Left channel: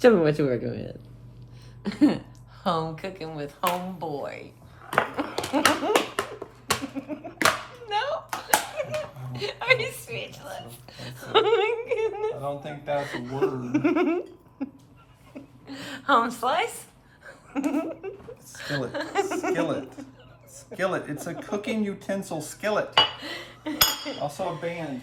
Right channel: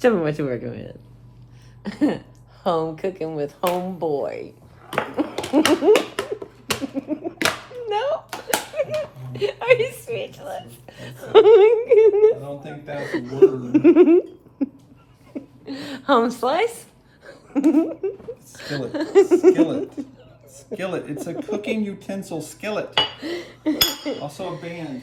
Show me what you're working with. Home cooking with homeboy. No? Are you speechless? I don't think that's a word. Home slice? Skillet. Skillet. Skillet. It's a cooking utensil skillet. Also a band.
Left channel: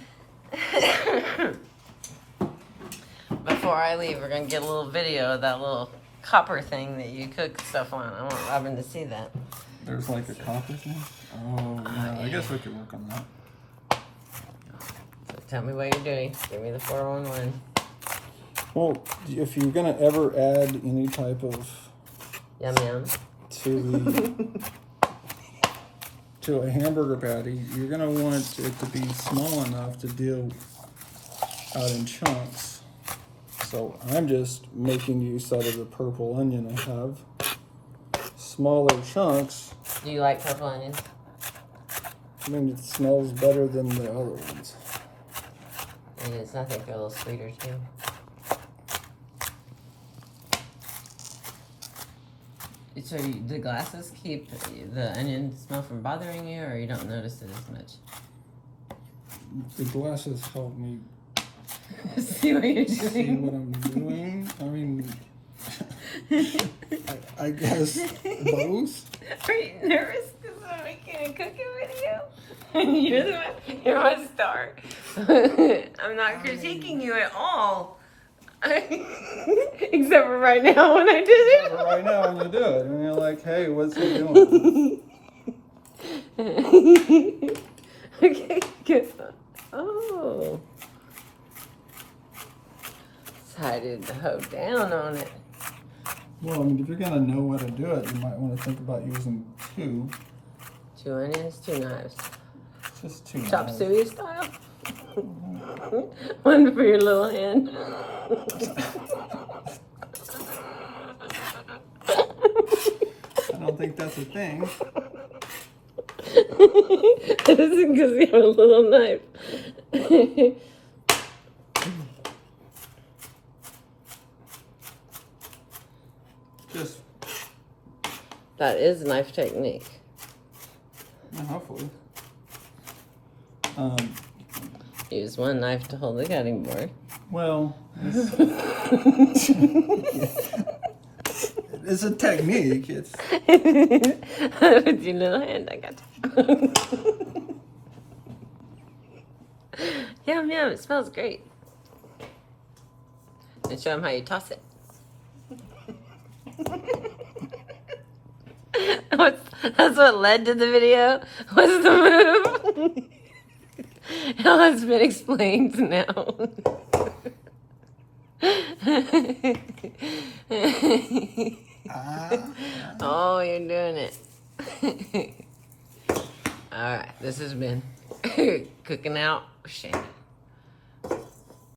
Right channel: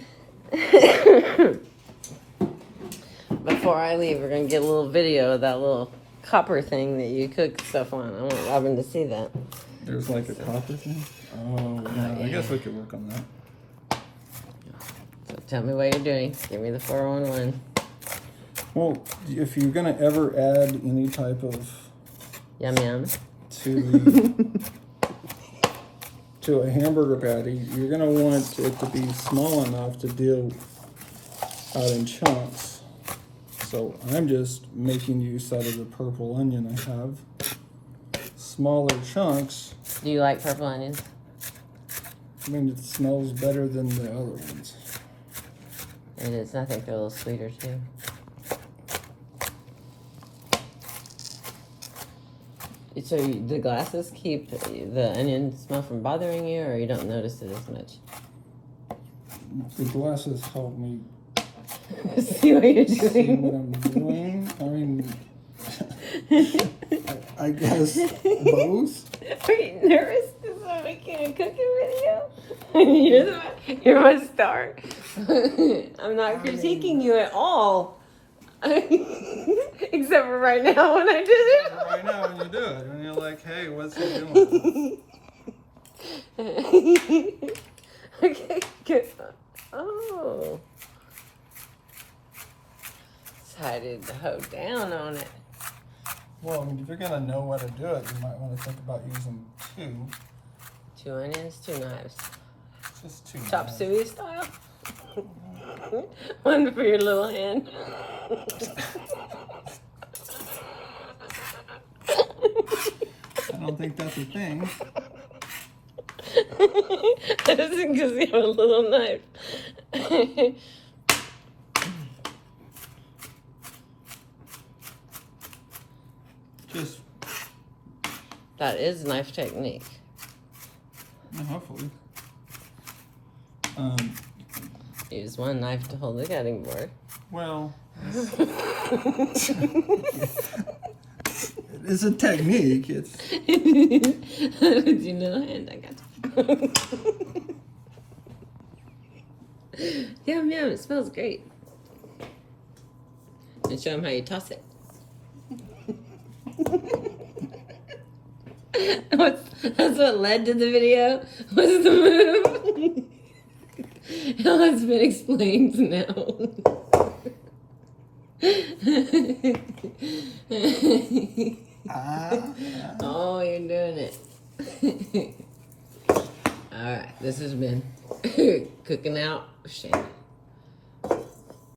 Before I leave, we're going to get a little video of that little copper thing that you cook stuff on. I want Robin to see that. There's like a copper thing? Oh, yeah. I guess we could work on that. So tell me what you're doing. Give me the 411. Well, if you're going to ever add any type of Yum yum. to a hamburger patty, you're going to want it to be small enough to deal out in chunks. So I'm just making use out of the purple onion I have. Smaller chunks. Do you like purple onions? I mean, it smells better than the other ones. It is. I think they're a little sweeter too. So the glasses keep the onion smell from bothering you, or you don't notice it as much? The glasses help me See what you're doing. see what I'm doing. I mean, I guess both. Are you nervous because I'm making a cooking video? You're my star. I'm not critiquing you at all. Except for right now when I did it. But right now when you do it, and you're like, hey, what's he doing? Okay, good. Oh. Decided to hook down on it. Well, I mean, if you're gonna know how to do it, you might want to think about using two. 2 onions, 2 knives. Just two Chop knives. suey style. One for your little hand. I don't think that's a thing. This is because you have a little knife. Just, That is knife technique. hopefully. Use one knife to hold the cutting board. Well, it's a technique. It's With your little hand, I got you. Yum, yum, it smells great. And show them how you toss it. That's what led to the video, was the move. It has been explained now. Oh, you're doing it. All right, this has been Cooking Out with Shannon.